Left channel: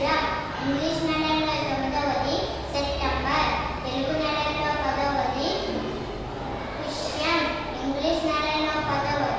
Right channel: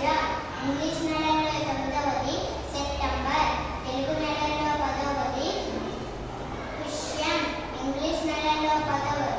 సంవత్సరం ఇంగ్లీష్ నెలలో తొమ్మిదవది సెప్టెంబర్. తెలుగు నెలలో పదవది విషయం ఇంగ్లీష్ నెలలో పదవది